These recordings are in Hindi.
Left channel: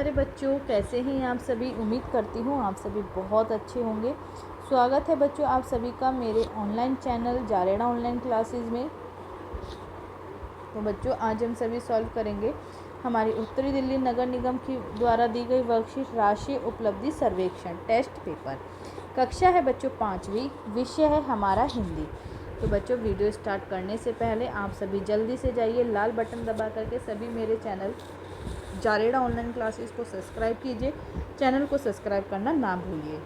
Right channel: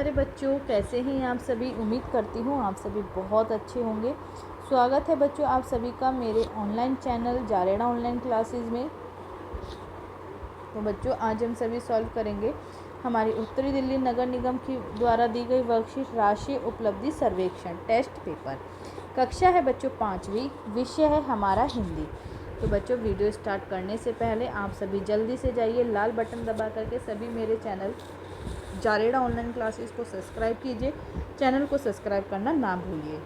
अरे बच्चों, कैसे हैं आप सभी। उम्मीद करती हूँ आप सभी बहुत अच्छे होंगे। स्वागत है बच्चों आप सभी का मेरे ऑनलाइन चैनल जारेड़ा ऑनलाइन क्लासेस में। तो बच्चों, आज हम सभी सॉल्व करेंगे हमारी उत्तरी दिल्ली नगर निगम की द्वारा दी गई वर्कशीट राष्ट्रीय उपलब्धि सर्वेक्षण टेस्ट पेपर। कक्षा है बच्चों 5वीं, विषय है हमारा हिंदी। तो बच्चों, वीडियो स्टार्ट करने से पहले आप सभी जल्दी से जाइए लाल बटन दबा करके सभी मेरे चैनल जारेड़ा ऑनलाइन क्लासेस को सब्सक्राइब कीजिए। चैनल को सब्सक्राइब करना ना भूलिए।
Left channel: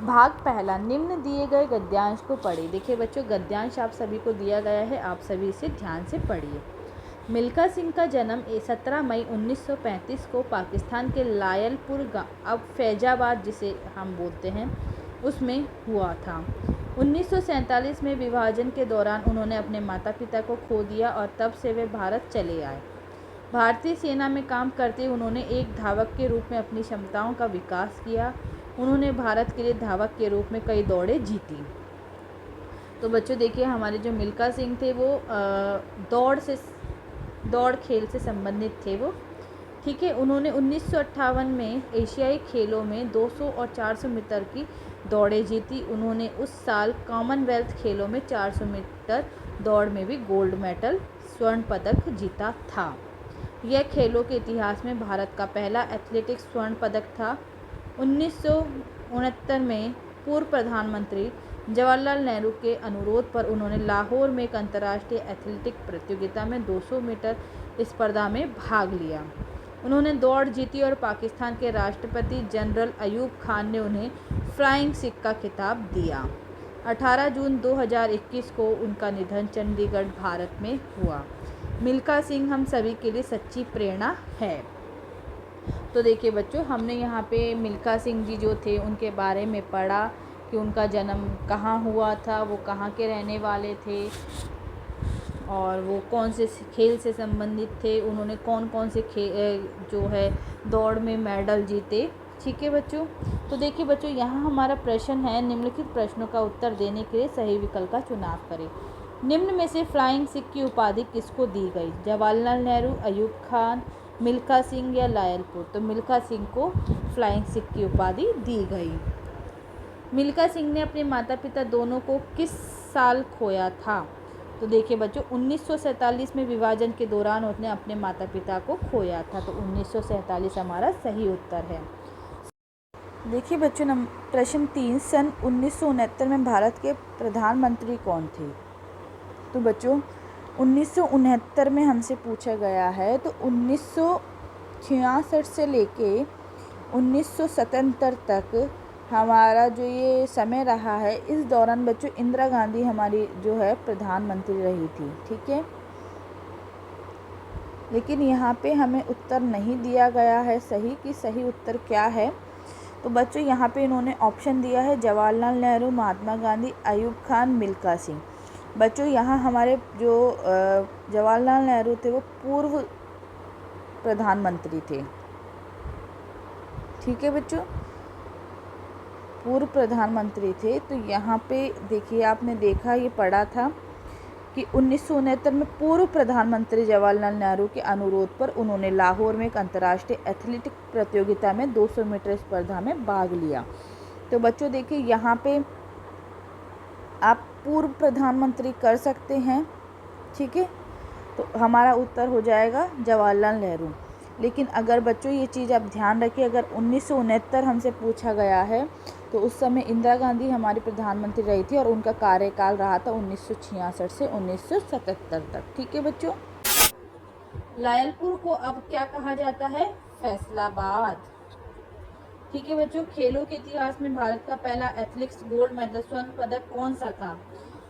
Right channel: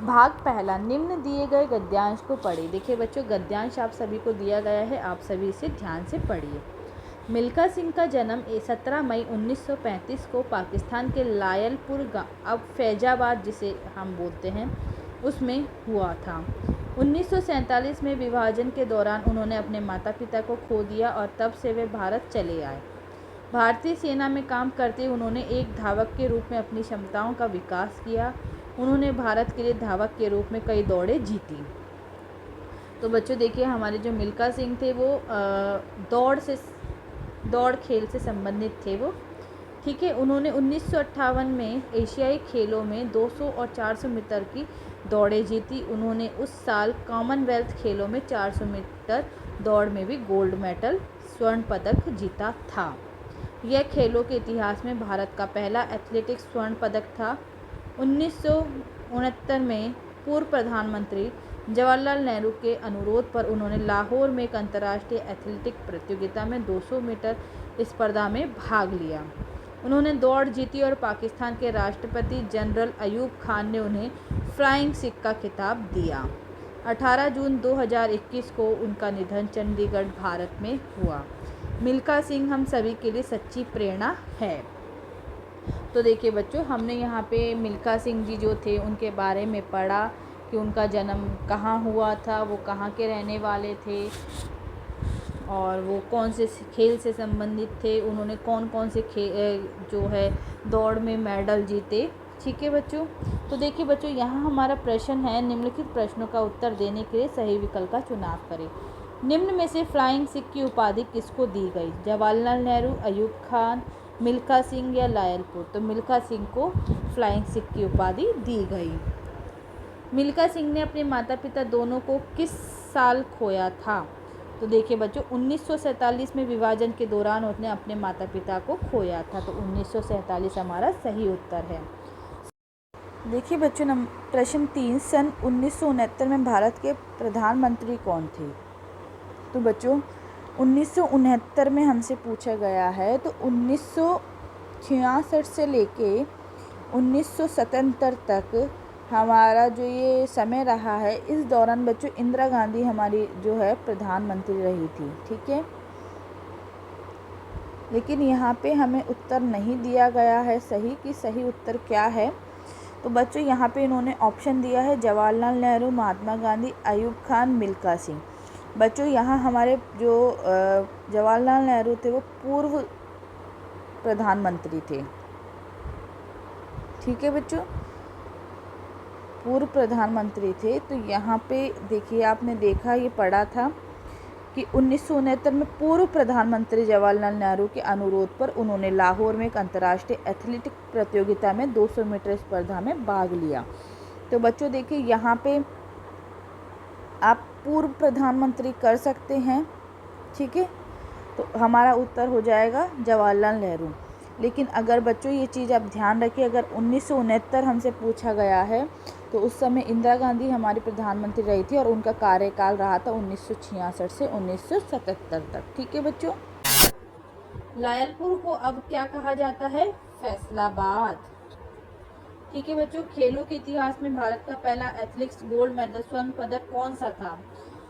भाग पहला, निम्न दिए गए गद्यांश को पढ़िए। देखिए बच्चों, गद्यांश आप सभी को दिया गया है, आप सभी इसे ध्यान से पढ़िए। मिल्खा सिंह का जन्म 17 मई 1935 को पाकिस्तान के लायलपुर अब फैजाबाद जिसे हम बोलते हैं उसमें हुआ था। 1947 में विभाजन के दौरान उन्होंने अपने माता पिता को खो दिया और तब से वे भारत चले आए। भारतीय सेना में काम करते उन्होंने एक धावक के रूप में अपनी क्षमताओं का विकास किया। उन्होंने भारत के लिए धावक के रूप में कई दौड़ें जीती। तो बच्चों देखिए, हमारे जो मिल्खा सिंह थे वो दौड़ खेल से संबंधित थे वो, ठीक है। उन्होंने 1958 में एशियाई खेलों में 200 और 400 मीटर की दौड़ें जीती। उन्होंने उस साल कॉमनवेल्थ खेलों में 400 मीटर दौड़ में भी गोल्ड मेडल स्वर्ण पदक जीता था। यह खेलों के इतिहास में भारत का पहला एथलेटिक्स स्वर्ण पदक था। 1969 में पूर्व प्रधानमंत्री जवाहरलाल नेहरू के अनुरोध पर उन्होंने लाहौर में एक अंतर्राष्ट्रीय एथलेटिक प्रतियोगिता में 200 मीटर स्पर्धा में भाग लिया। उन्होंने दौड़ जीती और पाकिस्तान के राष्ट्रपति जनरल अयूब खान ने उन्हें फ्लाइंग सिख का खिताब दिया। 18 जून 2021 को उनका निधन चंडीगढ़, भारत में हुआ। मिल्खा सिंह हम सभी के लिए सच्ची प्रेरणा है। तो देखिए बच्चों, हमने यहाँ पे मिल्खा सिंह जी जो थे उनके बारे में पढ़ा कि उनका जन्म कहाँ हुआ था, वो कहाँ के रहने वाले थे और वो कौन से खेल से संबंधित थे, उन्होंने कौन कौन से जो है दौड़ में मेडल जीते, ठीक है बच्चों। तो देखिए बच्चों, यहाँ हमारा प्रश्न है, निम्नलिखित प्रश्नों का उत्तर देने के लिए सही विकल्प का चुनाव करें। निम्न में से फ्लाइंग सिख की उपाधि किसको दी गई? जवाहरलाल नेहरू, अयूब खान, मिल्खा सिंह या लायलपुर? तो मिल्खा सिंह को फ्लाइंग सिख की उपाधि दी गई। मिल्खा सिंह ने अपने माता पिता दोनों को किस साल खोया था? तो देखिए बच्चों, 1947 में विभाजन के दौरान उसने अपने माता पिता को खोया था। तो 1947 हमारा सही उत्तर है। देखिए बच्चों, प्रश्न 3, सन 1969 में भारत के प्रधानमंत्री कौन थे? तो बच्चों 1969 में हमसे पूछा गया है। तो 1966 से लेके 1977 तक हमारा जो ये समय रहा है, इस दौरान बच्चों इंदिरा गांधी हमारी जो है प्रधानमंत्री रही थी, ठीक है। लेकिन यहाँ पे हमें उत्तर नहीं दिया गया है सही कि सही उत्तर क्या है। तो बच्चों यहाँ पे इन्होंने ऑप्शन दिया है जवाहरलाल नेहरू, महात्मा गांधी, अयूब खान, मिल्खा सिंह। बच्चों यहाँ हमारे जो जवाहरलाल नेहरू थे वो पूर्व प्रधानमंत्री थे, ठीक है बच्चों, पूर्व प्रधानमंत्री थे। तो यहाँ पे देखिए, आपने देखा, ये पढ़ा था कि 1969 में पूर्व प्रधानमंत्री जवाहरलाल नेहरू के अनुरोध पर उन्होंने लाहौर में एक अंतर्राष्ट्रीय एथलेटिक प्रतियोगिता में 200 मीटर स्पर्धा में भाग लिया। तो बच्चों देखिए, यहाँ पे आप पूर्व प्रधानमंत्री कर सकते हैं, ठीक है। तो हमारा उत्तर हो जाएगा जवाहरलाल नेहरू। लेकिन अगर बच्चों ये चीज़ आप ध्यान रखिए, अगर 1969 हमसे पूछा गया है तो उस समय इंदिरा गांधी हमारी प्रधानमंत्री रही थी और उनका कार्यकाल रहा था 1966 से 1977 तक, ठीक है बच्चों। लायलपुर को अब क्या कहा जाता है? फैसलाबाद, ठीक है बच्चों। खेलों के इतिहास में भारत का पहला एथलेटिक्स गोल्ड मेडल स्वर्ण पदक कौन सा था?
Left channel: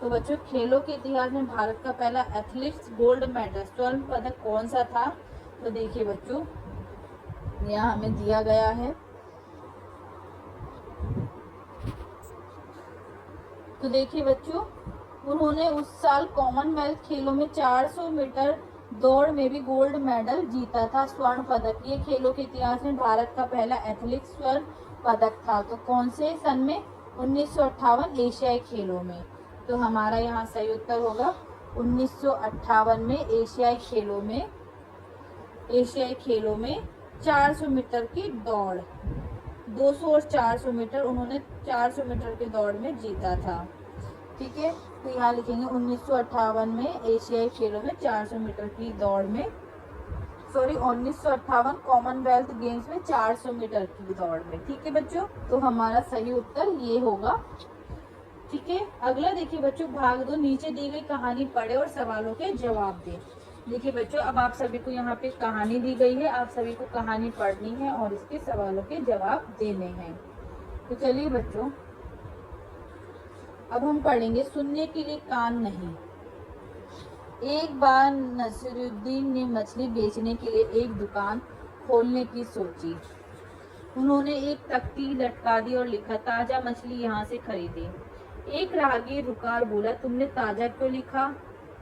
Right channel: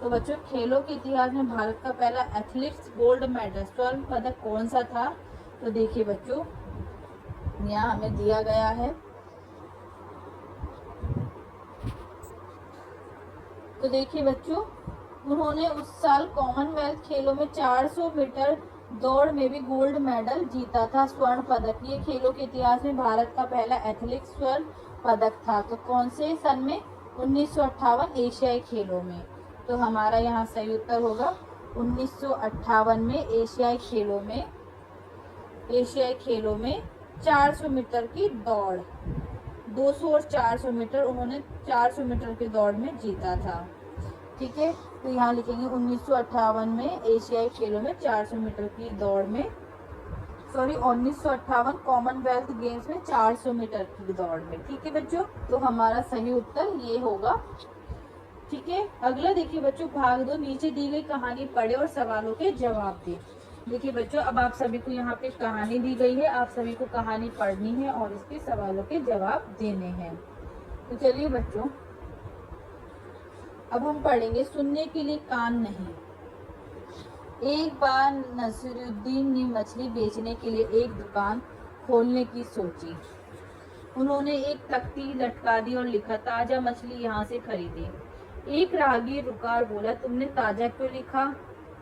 तो बच्चों, खेलों के इतिहास में भारत का पहला एथलेटिक्स गोल्ड मेडल स्वर्ण पदक कौन सा था? तो देखिए बच्चों, यहाँ हमें दिया गया है। तो देखिए बच्चों, उन्होंने उस साल कॉमनवेल्थ खेलों में 400 मीटर दौड़ में भी गोल्ड मेडल जीता था, स्वर्ण पदक। ये खेलों के इतिहास में भारत का पहला एथलेटिक्स स्वर्ण पदक था। तो कौन से सन में? 1958 एशियाई खेलों में। तो हमारा यहाँ सही उत्तर होगा 1958 में एशियाई खेलों में एशियाई खेलों में 400 मीटर की दौड़, 200 और 400 मीटर उन्होंने 400 मीटर की दौड़ में जीता था। ठीक है, तो यहाँ लिखेंगे 1958 में एशियाई खेलों में 400 मीटर की दौड़ में, सॉरी 1958 कॉमनवेल्थ गेम्स में 400 मीटर की दौड़ में। ठीक है बच्चों, तो हमारा सही उत्तर ये होगा। ठीक है, अगला देखिए बच्चों, भाग 2, नीचे दी गई कहानी पढ़े और सवालों के जवाब दे। देखिए बच्चों, अब आप सभी को यहाँ पे कहानी दी गई है, आप सभी को कहानी पढ़नी है और इसके सवालों के जवाब देने हैं। तो चलिए बच्चों, अब हम पढ़ेंगे सुनने के लिए कान नहीं। एक बार नसीरुद्दीन ने मछली बेचने के लिए एक दुकान खोलने की सोची। उन्होंने एक तख्ती लटका दी और लिखा, ताजा मछली यहाँ से खरीदे। एक राहगीर रुका और बोला, तुमने ताजा क्यों लिखा?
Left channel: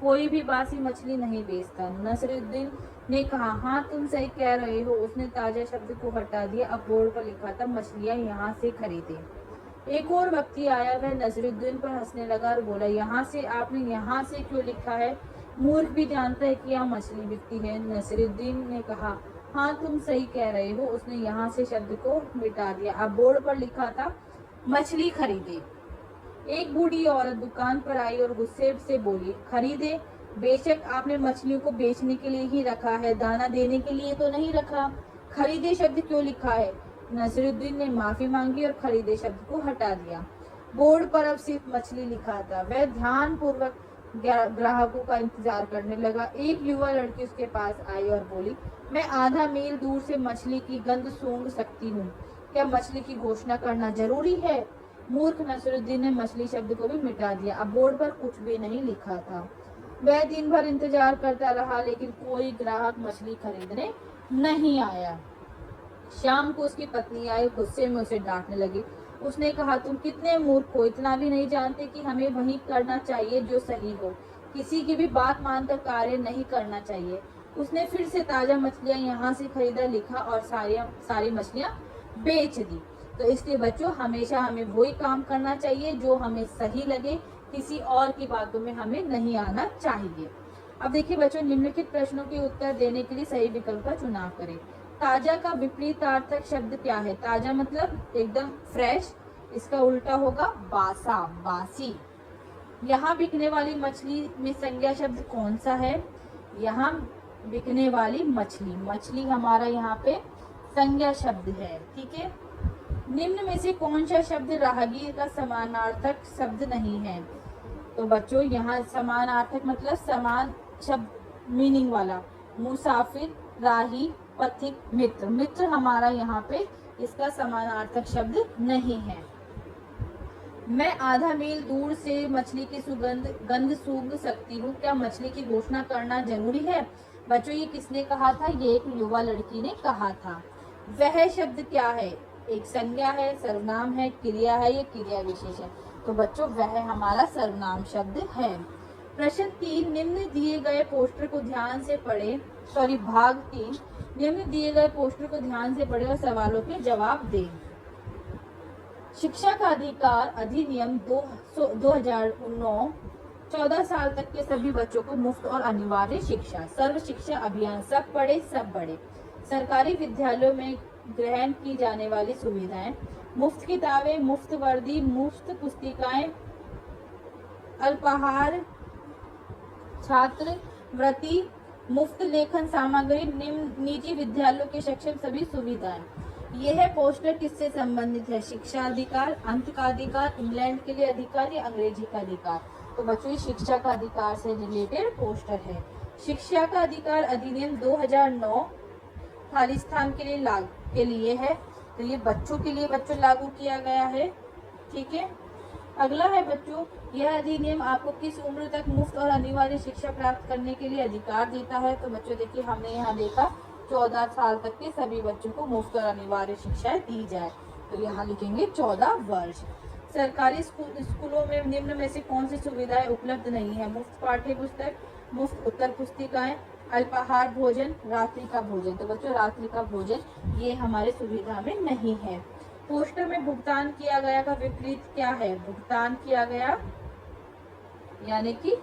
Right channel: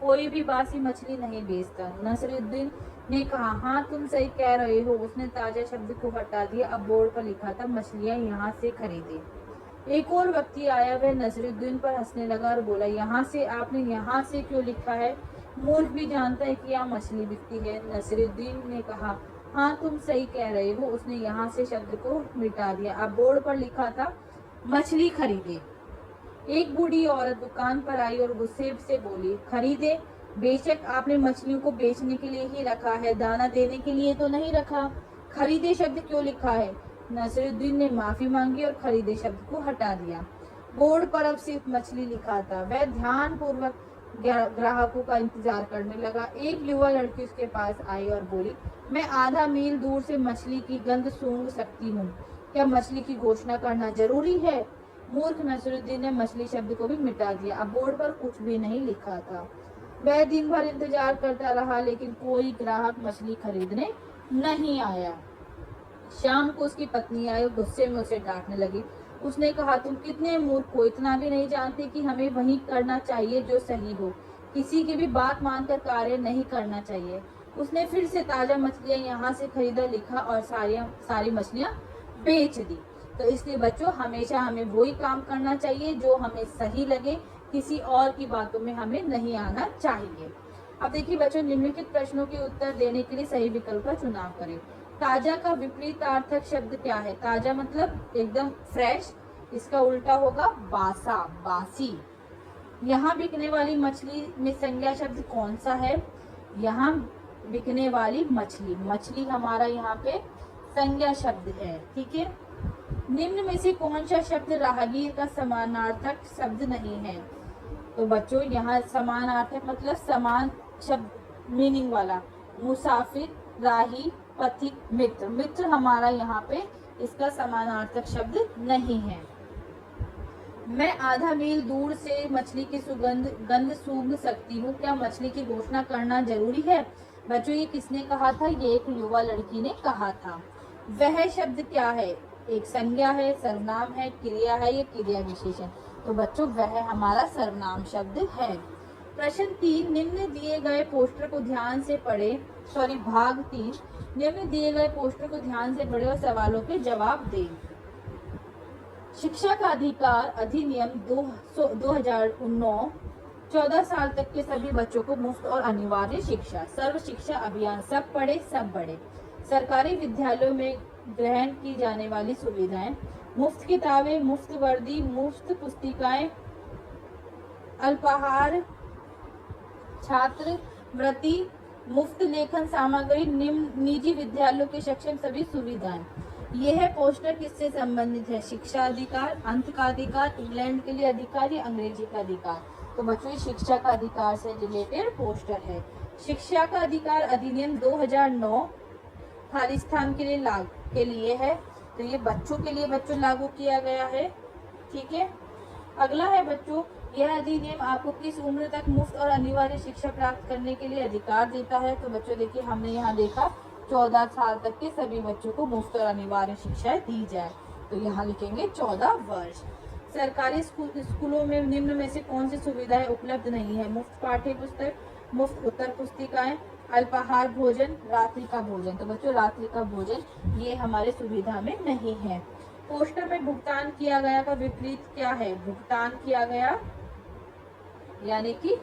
कोई भी बासी मछली नहीं बेचता। नसीरुद्दीन ने कहा, हाँ तुम सही कह रहे हो। उसने ताजा शब्द को हटा दिया। अब बोर्ड पर लिखा था, मछलियाँ यहाँ से खरीदे। एक और व्यक्ति आया, वह नसीरुद्दीन पर हंसने लगा और बोला, यहाँ से, आपने यहाँ से क्यों लिखा है? मूर्ख भी जानता है कि यहाँ मछली बिकती है। नसीरुद्दीन ने कहा, हाँ तुम सही कह रहे हो। उसने यहाँ से शब्द को मिटा दिया। अब बोर्ड पर लिखा था, मछली खरीदे। एक बूढ़ी औरत दुकान पर आई और गुस्से से बोली, खरीदे? बेशक आपने मछलियों को बेचने के लिए ही रखा है, दाना देने के लिए तो नहीं रखा। खरीदे शब्द क्यों लिखा है? नसीरुद्दीन ने माफी मांगी और खरीदे शब्द को हटा दिया। बोर्ड पर अब सिर्फ मछली लिखा था। वह ध्यान पूर्वक ग्राहकों का इंतजार करने लगा। एक युवा लड़की उसके पास आई और बोली, मैं आधा मील दूर से मछली की गंध सूंघ सकती हूँ। क्या मछली की घोषणा करना जरूरी है? मूर्ख नसीरुद्दीन ने मछली शब्द को भी मिटा दिया। अब बोर्ड पर कुछ भी नहीं लिखा था। वह दिन भर इंतजार करता रहा, लेकिन कोई ग्राहक मछली खरीदने नहीं आया। शाम को उसकी पत्नी आई, गुस्से में उसे डांटने लगी। उसने कहा, तुम कितने मूर्ख हो, इतना भी नहीं जानते कि हमें वही करना चाहिए जो सही हो। किसी की भी बात मानकर कार्य नहीं करना चाहिए। उसने फिर से ताजा मछलियां यहाँ से खरीदा लिखा और सारी मछलियां बेच दी। तो इसलिए बच्चों, हमेशा हमें वही काम करना चाहिए जो हमें सही लगे, किसी और की बातों में हमें नहीं आना चाहिए। अब देखिए बच्चों, निम्नलिखित प्रश्नों के उत्तर देने के लिए सही विकल्प का चुनाव करें। ताजा का विपरीतार्थक शब्द क्या है? ताजा मतलब एकदम फ्रेश, इसका उल्टा होगा बासा, बासी। यहाँ बिकने वाली मछली में संज्ञा शब्द कौन सा है? यहाँ बिकने वाली मछली, मछली हमारा यहाँ पे संज्ञा शब्द है। ठीक है, निम्न में से कौन सा शब्द राहगीर का समानार्थक शब्द नहीं है? तो बच्चों, यहाँ समानार्थक मतलब समान शब्द मीनिंग वाला, मुसाफिर, राही, पथिक, मित्र। मित्र हमारा यहाँ पे इसका समानार्थक शब्द नहीं है। मैं आधा मील दूर से मछली की गंध सूंघ सकती हूँ। क्या मछली की घोषणा करना जरूरी है? बच्चों, ये किसने कहा था? ये एक युवा लड़की ने कहा था। वह शब्द क्या है? एक संज्ञा है, सर्वनाम है, क्रिया है, या क्रिया विशेषण? तो बच्चों, वह हमारा सर्वनाम शब्द है। प्रश्न 3, निम्न दिए गए पोस्टर को ध्यान से पढ़े, सॉरी भाग 3, निम्न दिए गए पोस्टर को ध्यान से पढ़े और सवालों के जवाब दें। शिक्षा का अधिकार अधिनियम 2009 14 साल तक के सभी बच्चों को मुफ्त और अनिवार्य शिक्षा। सर्व शिक्षा अभियान, सब पढ़े सब बढ़े। सरकारी विद्यालयों में ग्रहण की जाने वाली सुविधाएं, मुफ्त किताबें, मुफ्त वर्दी, मुफ्त पुस्तिकाएं, अल्पाहार, छात्रवृत्ति, मुफ्त लेखन सामग्री, निजी विद्यालयों के शिक्षक, सभी सुविधाएं। यह पोस्टर किससे संबंधित है? शिक्षा अधिकार, अंत का अधिकार, इंग्लैंड के लिए अधिकार, या अंग्रेजी का अधिकार? तो बच्चों, शिक्षा का अधिकार से रिलेटेड पोस्टर है। शिक्षा का अधिकार अधिनियम 2009 खालिस्तान के लिए है, तो ये बच्चों के लिए बच्चों लागू किया गया है। ठीक है, अगला है बच्चों, यह अधिनियम आपको किस उम्र तक मुफ्त और अनिवार्य शिक्षा प्राप्त करने के लिए अधिकार देता है? तो बच्चों देखिए, हमने यहाँ देखा 14 साल तक के सभी बच्चों को मुफ्त और अनिवार्य शिक्षा दी जाए, तो यहाँ लिखेंगे 14 वर्ष। सरकारी स्कूलों में निम्न में से कौन सी सुविधाएं उपलब्ध नहीं है? मुफ्त पाठ्य पुस्तक, मुफ्त उत्तर पुस्तिकाएं, अल्पाहार भोजन, रात्रि का भोजन। तो बच्चों, रात्रि का भोजन ये हमारे सुविधा में नहीं है। पोस्टर में भुगतान किया गया का विपरीत क्या है? भुगतान किया गया यानी कि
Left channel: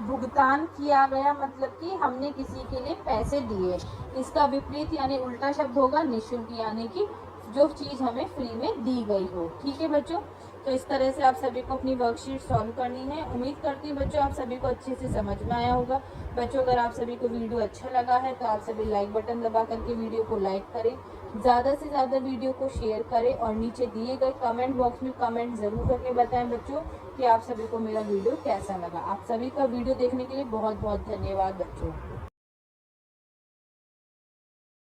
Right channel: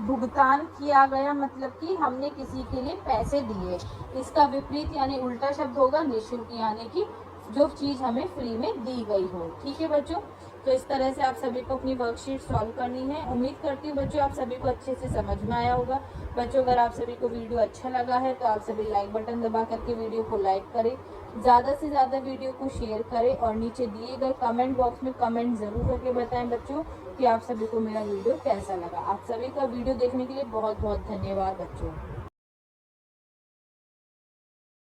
भुगतान किया गया मतलब कि हमने किसी के लिए पैसे दिए। इसका विपरीत यानी उल्टा शब्द होगा निःशुल्क, यानी कि जो चीज़ हमें फ्री में दी गई हो। ठीक है बच्चों, तो इस तरह से आप सभी को अपनी वर्कशीट सॉल्व करनी है। उम्मीद करती हूँ बच्चों आप सभी को अच्छे से समझ में आया होगा। बच्चों अगर आप सभी को वीडियो अच्छा लगा है तो आप सभी लाइक बटन दबा करके वीडियो को लाइक करें, ज़्यादा से ज़्यादा वीडियो को शेयर करें और नीचे दिए गए कमेंट बॉक्स में कमेंट ज़रूर करके बताएं बच्चों कि आप सभी को मेरा वीडियो कैसा लगा। आप सभी का वीडियो देखने के लिए बहुत बहुत धन्यवाद बच्चों।